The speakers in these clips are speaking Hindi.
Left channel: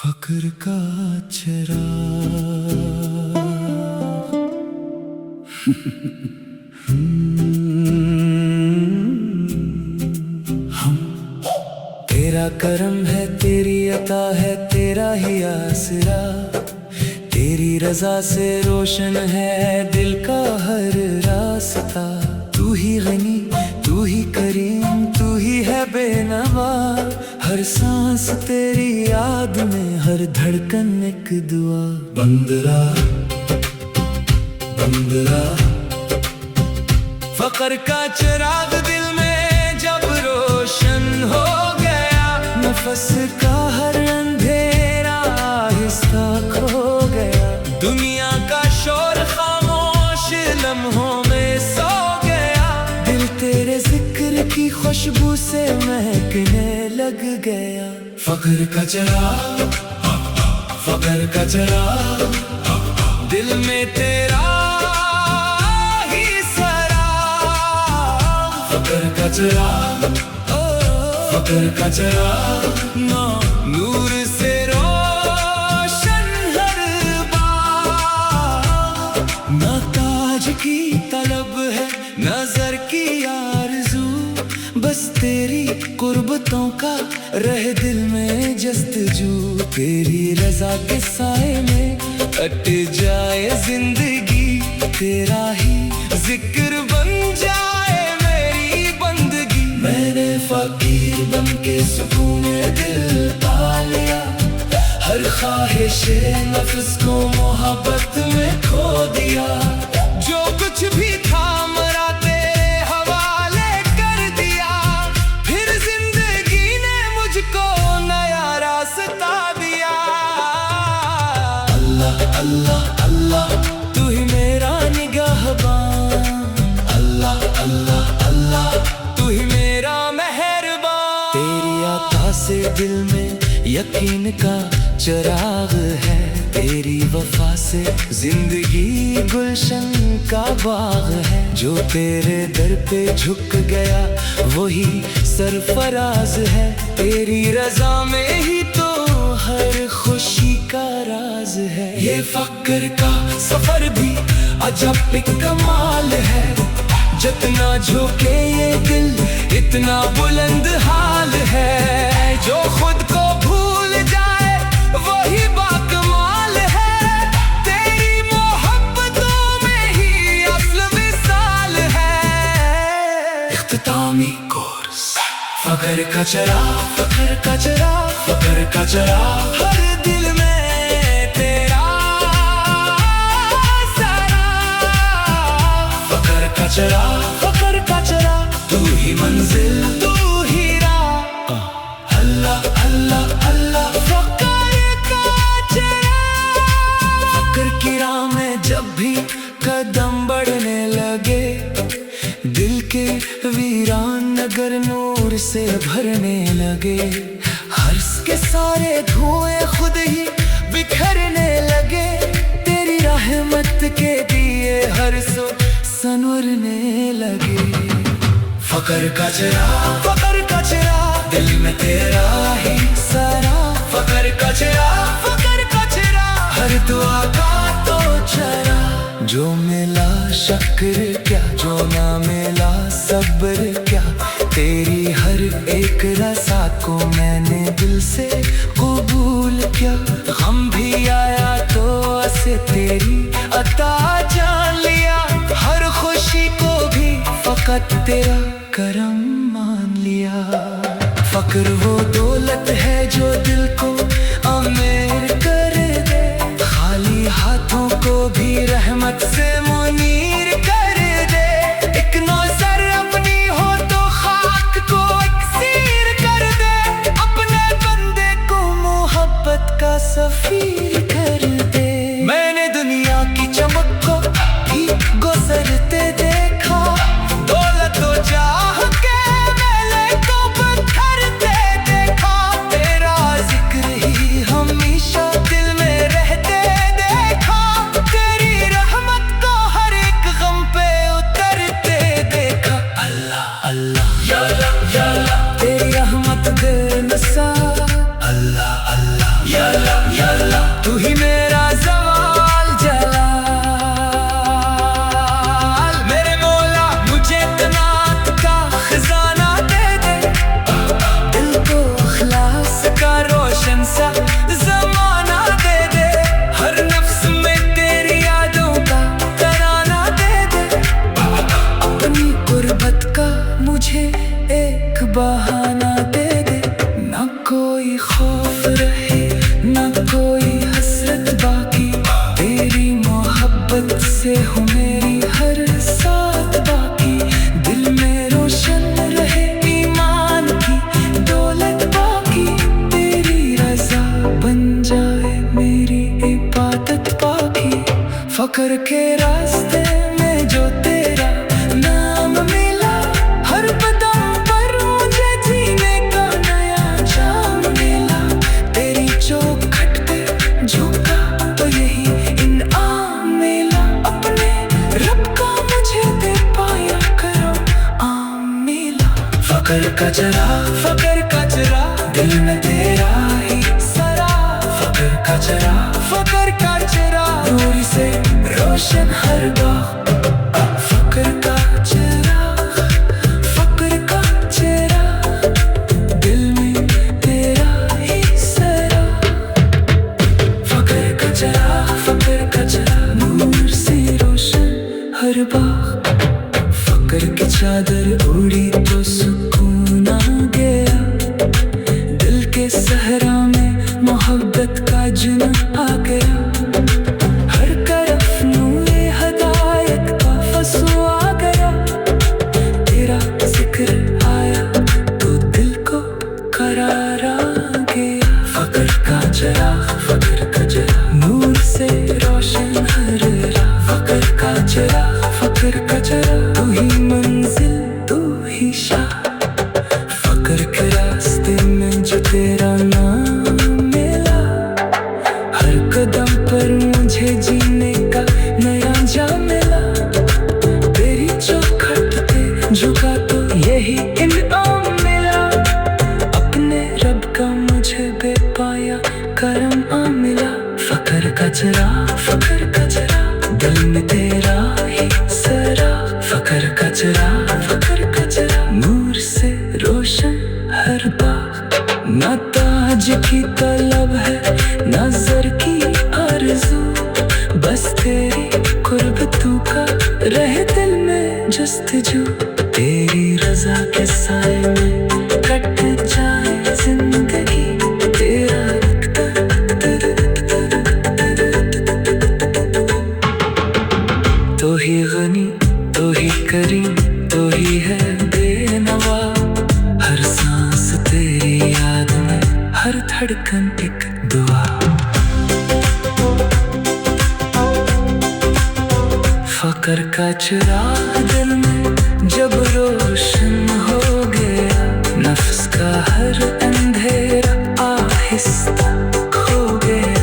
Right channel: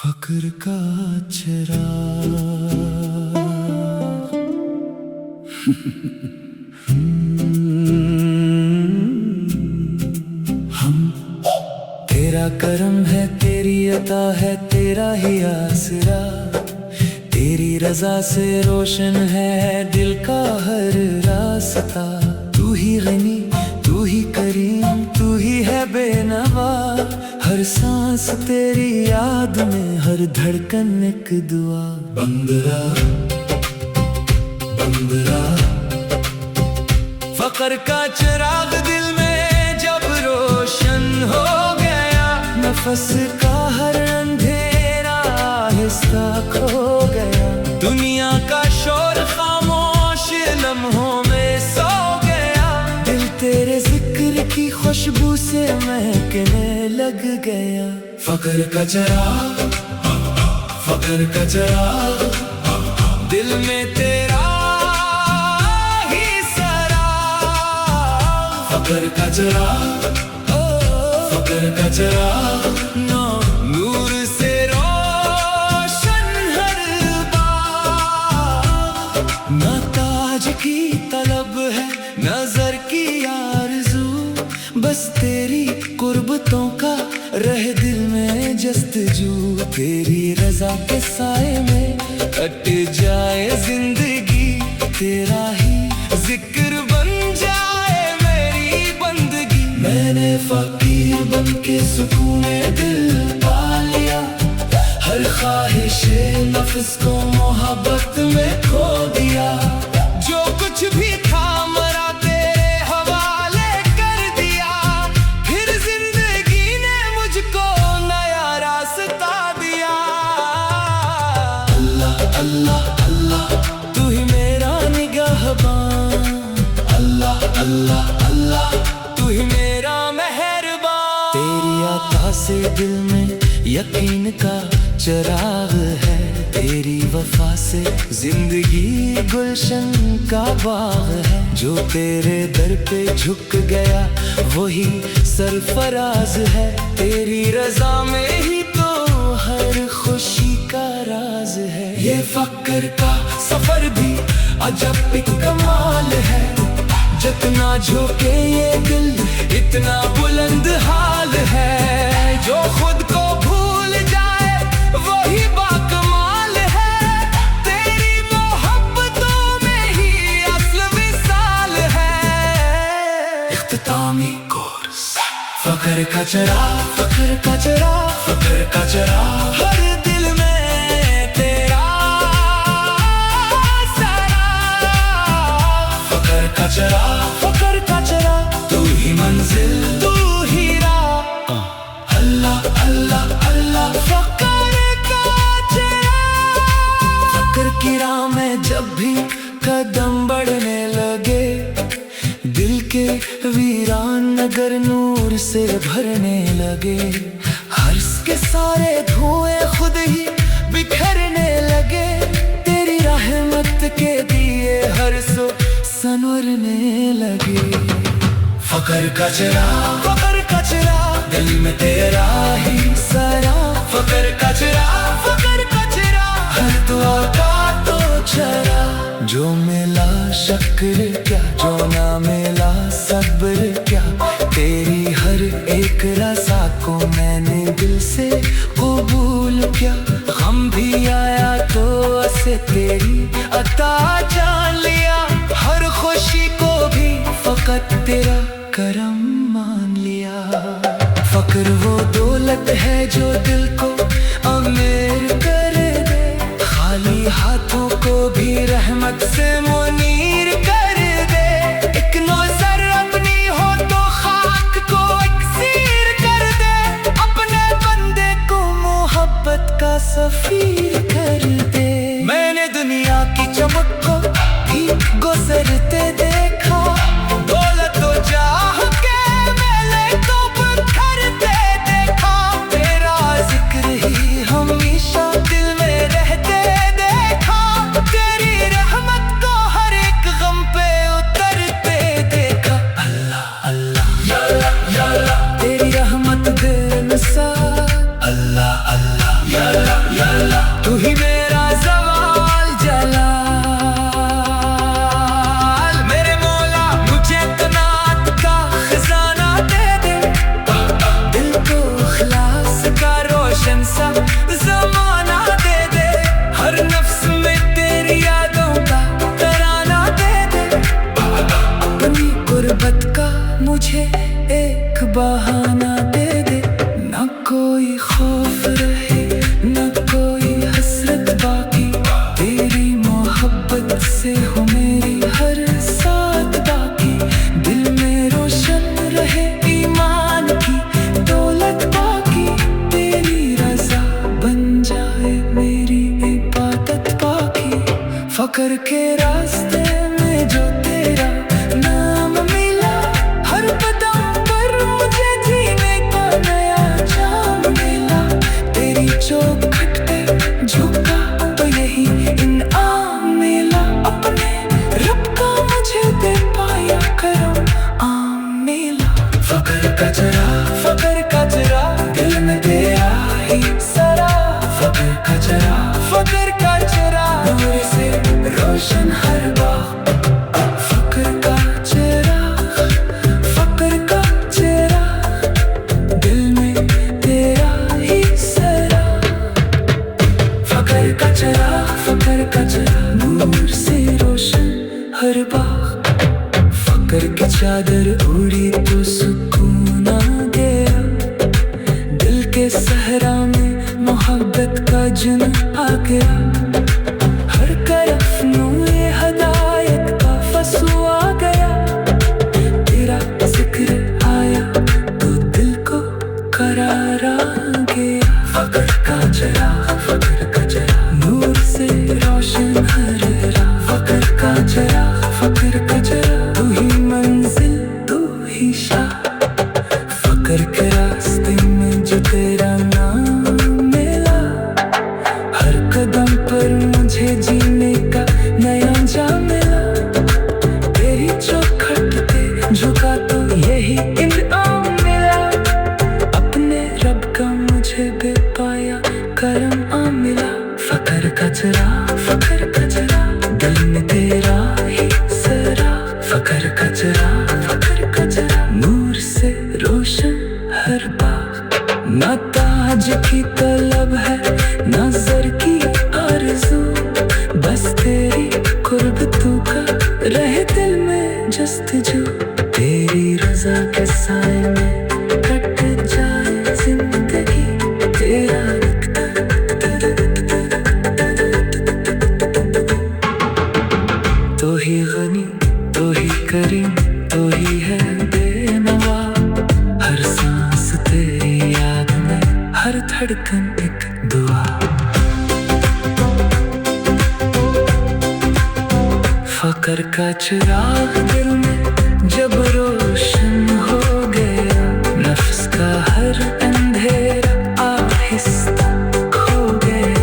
फक्र का चिराग हम तेरा करम है, तेरी अता है, तेरा ही आसरा। तेरी रजा से रोशन है दिल का हर रास्ता। तू ही गनी, तू ही करीम, तू ही है बेनवा। हर सांस तेरी याद में, हर धड़कन एक दुआ। बंदरा बंदरा फक्र का चिराग दिल में जब रोशन हो गया। नफस का हर अंधेरा आहिस्ता खो गया। दुनिया का शोर खामोश लम्हों में सो गया। दिल तेरे जिक्र की खुशबू से महकने लग गया। फक्र का चिराग, फक्र का चिराग, दिल में तेरा ही सराग। फक्र का चिराग, फक्र का चिराग, नूर से रोशन हर बाग। न ताज की तलब है, नजर की आरज़ू, बस तेरी कुर्बतों का रहे दिल में जस्तजू। तेरी रजा के साए में कट जाए जिंदगी। तेरा ही जिक्र बन जाए मेरी बंदगी। मैंने फकीर बन के सुकून दिल पा लिया। हर ख्वाहिश नफ्स को मोहब्बत में खो दिया। जो कुछ भी था मरा तेरे हवाले कर दिया। फिर जिंदगी ने मुझको नया रास्ता दिया। अल्लाह अल्लाह अल्लाह, तू ही मेरा निगाहबान। अल्लाह अल्लाह अल्लाह, तू ही मेरा मेहरबान। तेरी अता से दिल में यकीन का चिराग है। तेरी वफा से जिंदगी गुलशन का बाग है। जो तेरे दर पे झुक गया वही सरफराज है। तेरी रजा में ही तो हर खुशी का राज है। ये फक्र का सफर भी अजब एक कमाल है। जितना झुके ये दिल इतना बुलंद हाल है। जो खुद को भूल जाए वही बाकमाल है। तेरी मोहब्बतों में ही असल विसाल है। इख्तितामी कोर्स, फक्र का चिराग, फक्र का चिराग, फक्र का चिराग, हर दिल में तेरा सराग। फक्र का चिराग, फक्र का चिराग, तू ही मंजिल, तू ही राह। अल्लाह अल्लाह अल्लाह, फक्र का चिराग। फक्र की राह में जब भी कदम बढ़ने लगे, दिल के वीरान नगर नूर से भरने लगे। हर्ष के सारे धुएं खुद ही बिखरने लगे। तेरी रहमत के दिए हर सो संवरने लगे। फक्र का चिराग, फक्र का चिराग, दिल में तेरा ही सरा। फक्र का चिराग, फक्र का चिराग, हर दुआ का तो चरा। जो मिला शक्र क्या, जो ना मिला सब्र क्या। तेरी हर एक रज़ा को मैंने दिल से कबूल किया। गम भी आया तो उसे तेरी अता जान लिया। हर खुशी को भी फकत तेरा करम मान लिया। फक्र वो दौलत है जो दिल को अमीर कर दे। खाली हाथों को भी रहमत से मुनीर कर दे। एक नौसर अपनी हो तो खाक को इकसीर कर दे। अपने बंदे को मोहब्बत का सफीर कर दे। मैंने दुनिया की चमक को भी गुजरते देखा। दौलत तो चाह के मेले को बिखरते देखा। तेरा जिक्र ही हमेशा दिल में रहते देखा। तेरी रहमत को हर एक गम पे उतरते देखा। अल्लाह अल्लाह या अल्लाह या अल्लाह, तेरी रहमत दे नसाब। अल्लाह अल्लाह या अल्लाह। तू ही मेरा ज़वाल जलाल। मेरे मौला मुझे कनात का खजाना दे दे, दिल को इखलास का रोशन सा ज़माना दे दे। हर नफ्स में तेरी यादों का तराना दे दे। अपनी गुर्बत का मुझे एक बहाना दे दे। ना कोई खौफ रहे ना कोई हसरत बाकी, तेरी मोहब्बत से हूँ मेरी हर साथ बाकी। दिल में रोशन रहे ईमान की दौलत बाकी, तेरी रजा बन जाए मेरी इबादत बाकी। फकर के रास्ते में जो तेरा नाम मिला, हर कदम पर मुझे जीने का नया जाम मिला। तेरी चौखट पे झुका तो यही इनाम मिला, अपने रब का मुझे दे पाया करम आम मिला। फकर का चरा दिल में तेरा ही सरा। फकर का चरा नूर से रोशन हर बाग। फकर का चरा दिल में तेरा ही सरा। फकर का चरा नूर से रोशन हर बाग। फकर की चादर उड़ी तो सुकून आ गया, दिल के सहरा में मोहब्बत का जुन आ गया। हर तरफ नूरे हदायत का फसू आ गया, तेरा जिक्र आया तो दिल को करार आ गया। फकर का चरा नूर से रोशन हर राह। फकर का चरा तू ही मंजिल तू ही शाह। फकर के रास्ते में जो तेरा नाम मिला, हर कदम पर मुझे जीने का नया जाम मिला। तेरी चौखट पे झुका तो यही इनाम मिला, अपने रब का मुझे बेपाया करम आ मिला। फकर का चरा दिल में तेरा ही सरा। फकर का चरा नूर से रोशन हर बाग। ना ताज की तलब है ना ज़र की आरज़ू, बस तेरी कुर्बतू का रहे दिल में जस्तजू। तेरी रज़ा के साए में कट जाए जिंदगी, तेरा तो ही गनी तो ही करीम तो ही है बेनवा। हर सांस तेरी याद में हर धड़कन एक दुआ। फकर का चिराग दिल में जब रोशन हो गया, नफ्स का हर अंधेरा आहिस्ता खो गया।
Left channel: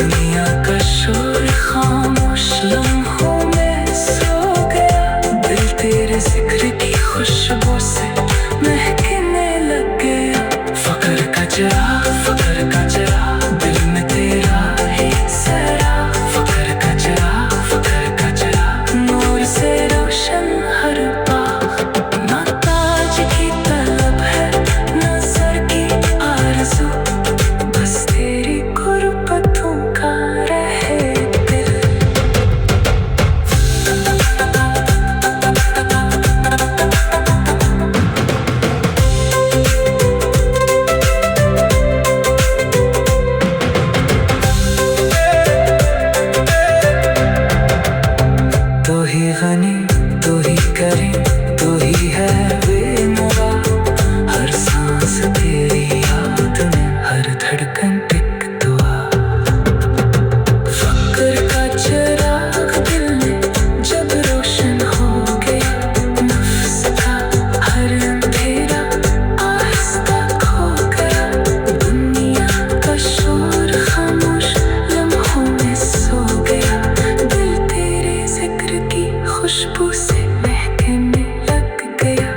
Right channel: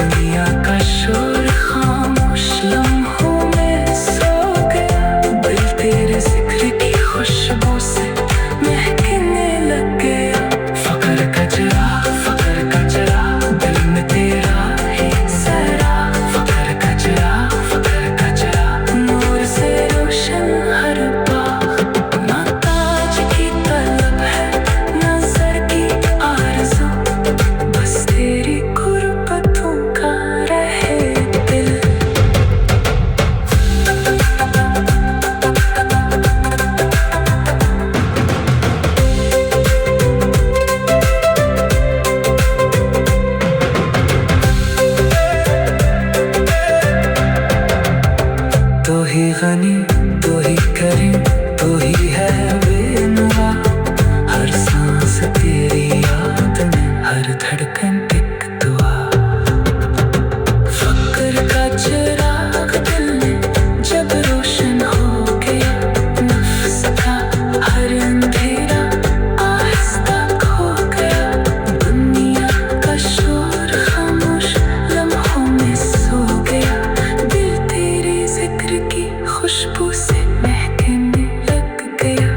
दुनिया का शोर खामोश लम्हों में सो गया, दिल तेरे जिक्र की खुशबू से महकने लग गया। फकर का चिराग दिल में तेरा ही सरा। फकर का चिराग नूर से रोशन हर बाग। ना ताज की तलब है ना ज़र की आरज़ू, बस तेरी गुर्बतों का रहे दिल। तो ही गनी तो ही करीम तो ही है बेनवा। हर सांस तेरी याद में हर धड़कन एक दुआ। फकर का चिराग दिल में जब रोशन हो गया, नफ्स का हर अंधेरा आहिस्ता खो गया। दुनिया का शोर खामोश लम्हों में सो गया, दिल तेरे जिक्र की खुशबू से महकने लग गया।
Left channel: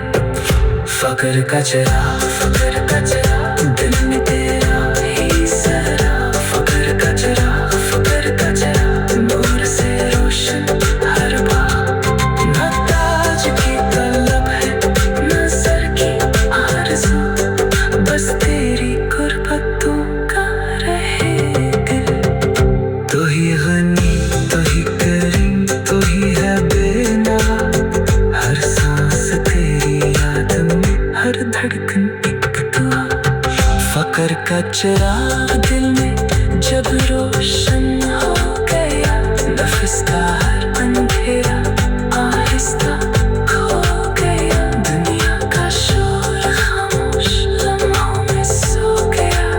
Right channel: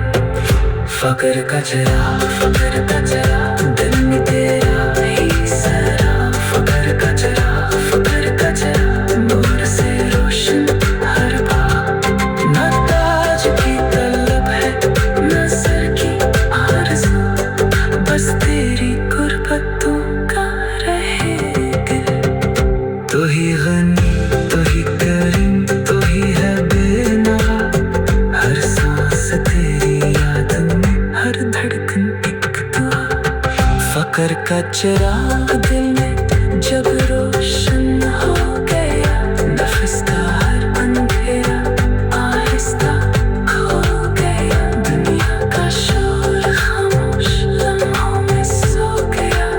फकर का चिराग दिल में तेरा ही सरा। फकर का चिराग रहे दिल। तू ही गनी, तू ही करीम, तू ही है बेनवा। हर सांस तेरी याद में, हर धड़कन एक दुआ। फकर का चिराग दिल में जब रोशन हो गया, नफ्स का हर अंधेरा आहिस्ता खो गया। दुनिया का शोर खामोश लम्हों में सो गया,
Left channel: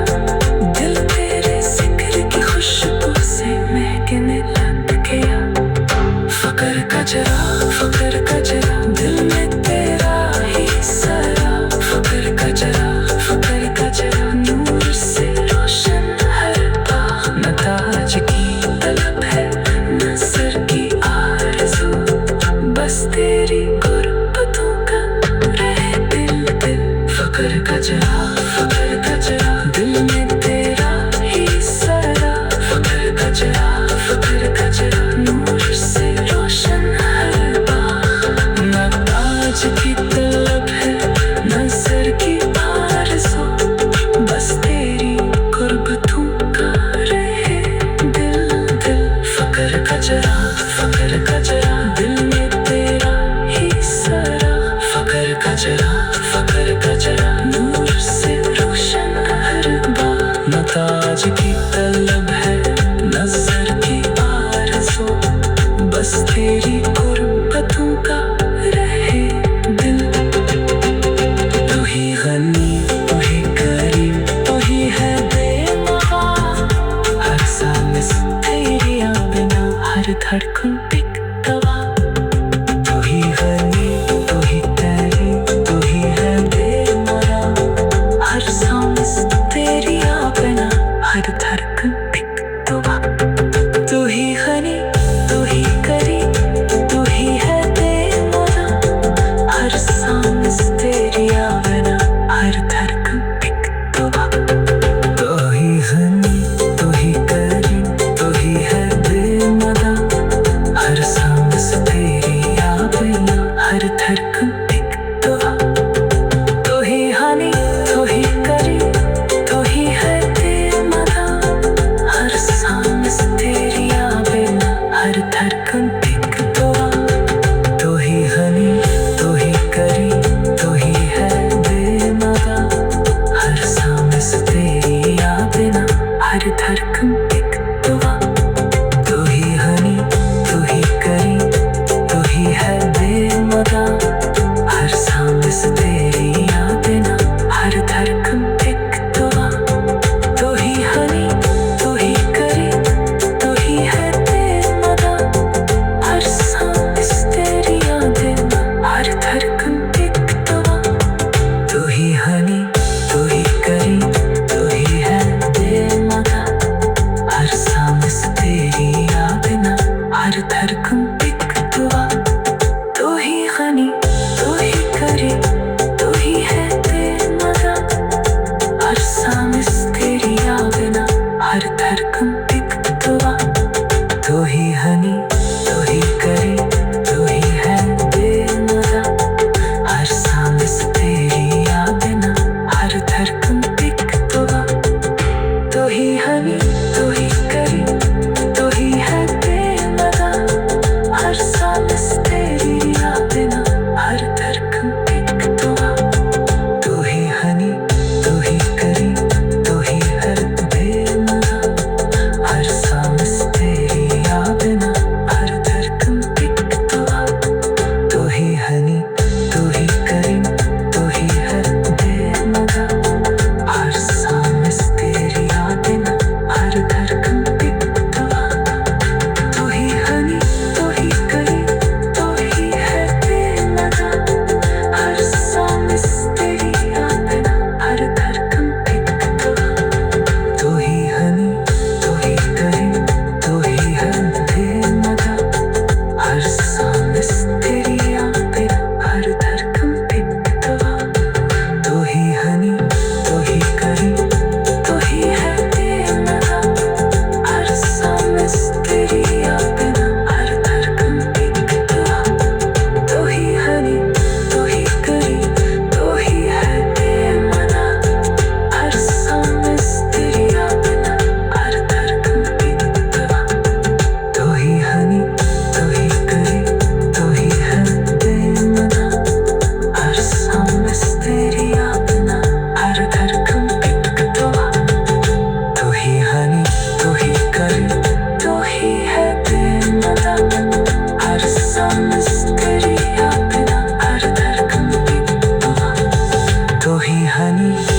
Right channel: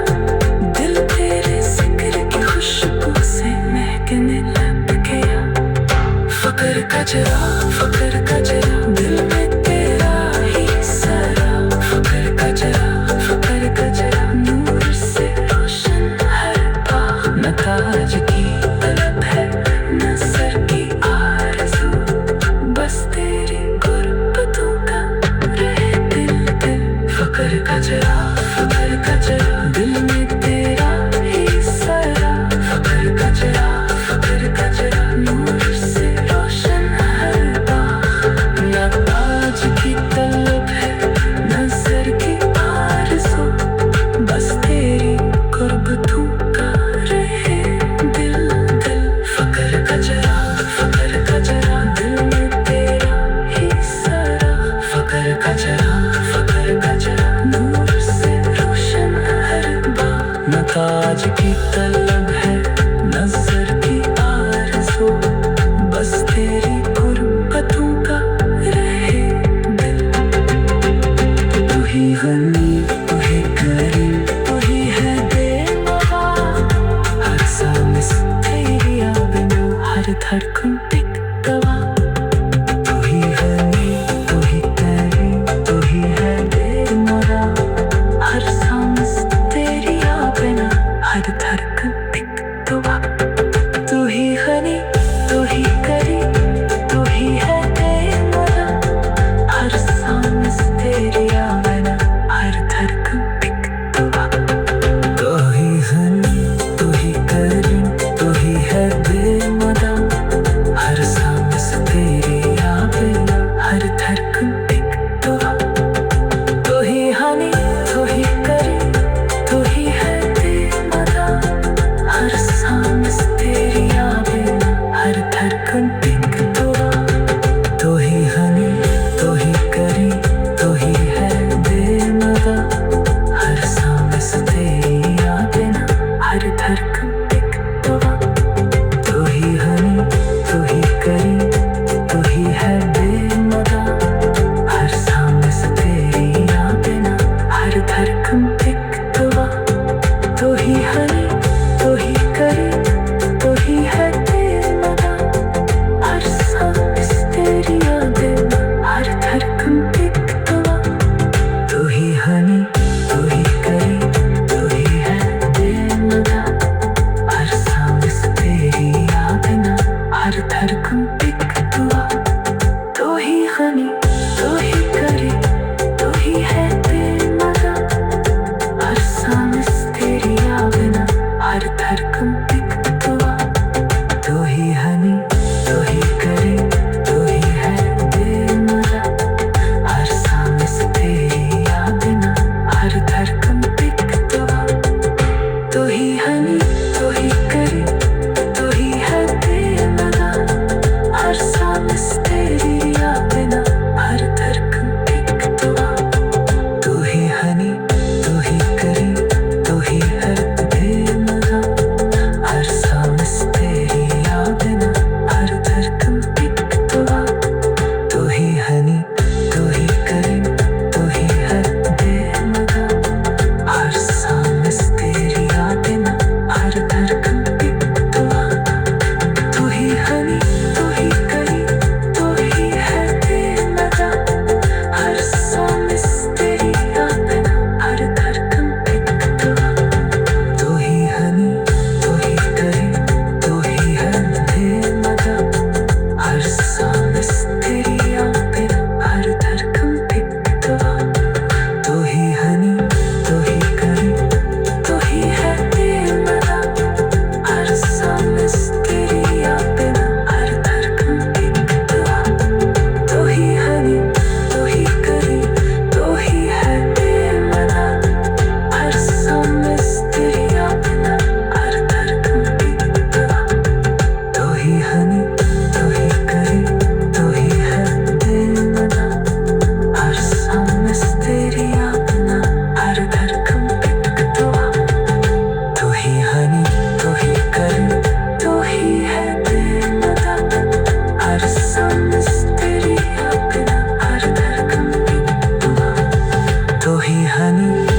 दिल तेरे जिक्र की खुशबू से महकने लग गया। फकर का चिराग दिल में तेरा ही सरा। फकर का चिराग नूर से रोशन हर बाग। न ताज की तलब है न सर की आरज़ू, बस तेरी गुर्बतों का रहे दिल दिल। फकर का चिराग दिल में तेरा ही सरा। फकर का चिराग नूर से रोशन हर बाग। न ताज की तलब है न सर की आरज़ू, बस तेरी गुर्बतों का रहे दिल दिल। फकर का चिराग दिल में तेरा ही सरा। फकर का चिराग नूर से रोशन हर बाग। न ताज की तलब है न सर की आरज़ू, बस तेरी गुर्बतों का रहे दिल। तू ही गनी, तू ही करीम, तू ही है बेनवा। हर सांस तेरी बिना, हर धड़कन एक दवा। तू ही गनी, तू ही करीम, तू ही है बेनवा। हर सांस तेरी बिना, हर धड़कन एक दवा। तू ही गनी, तू ही करीम, तू ही है बेनवा। हर सांस तेरी बिना, हर धड़कन एक दवा। तू ही गनी, तू ही करीम, तू ही है बेनवा। हर सांस तेरी बिना, हर धड़कन एक दवा। तू ही गनी, तू ही करीम, तू ही है बेनवा। हर सांस तेरी बिना, हर धड़कन एक दवा। तू ही गनी, तू ही करीम, तू ही है बेनवा। हर सांस तेरी बिना, हर धड़कन एक दवा। तू ही गनी, तू ही करीम, तू ही है बेनवा। हर सांस तेरी बिना, हर धड़कन एक दवा। तू ही गनी, तू ही करीम, तू ही है बेनवा। हर सांस तेरी बिना, हर धड़कन एक दवा। तू ही गनी, तू ही करीम, तू ही है बेनवा। हर सांस तेरी बिना, हर धड़कन एक दवा। तू ही गनी, तू ही करीम, तू ही है बेनवा। हर सांस तेरी बिना, हर धड़कन एक दवा। तू ही गनी, तू ही करीम, तू ही है बेनवा। हर सांस तेरी बिना, हर धड़कन एक दवा। तू ही गनी, तू ही करीम, तू ही है बेनवा। हर सांस तेरी बिना, हर धड़कन एक दवा। तू ही गनी, तू ही करीम, तू ही है बेनवा। हर सांस तेरी बिना, हर धड़कन एक दवा। तू ही गनी, तू ही करीम, तू ही है बेनवा। हर सांस तेरी बिना, हर धड़कन एक दवा। तू ही गनी, तू ही करीम, तू ही है बेनवा। हर सांस तेरी बिना, हर धड़कन एक दवा। तू ही गनी, तू ही करीम, तू ही है बेनवा। हर सांस तेरी बिना, हर धड़कन एक दवा। तू ही गनी, तू ही करीम, तू ही है बेनवा। हर सांस तेरी बिना, हर धड़कन एक दवा। तू ही गनी, तू ही करीम, तू ही है बेनवा। हर सांस तेरी बिना, हनी तो ही करे, तो ही है देनदा, हर सांस तेरी अपना, हर धड़कन की दुआ, तो ही हनी।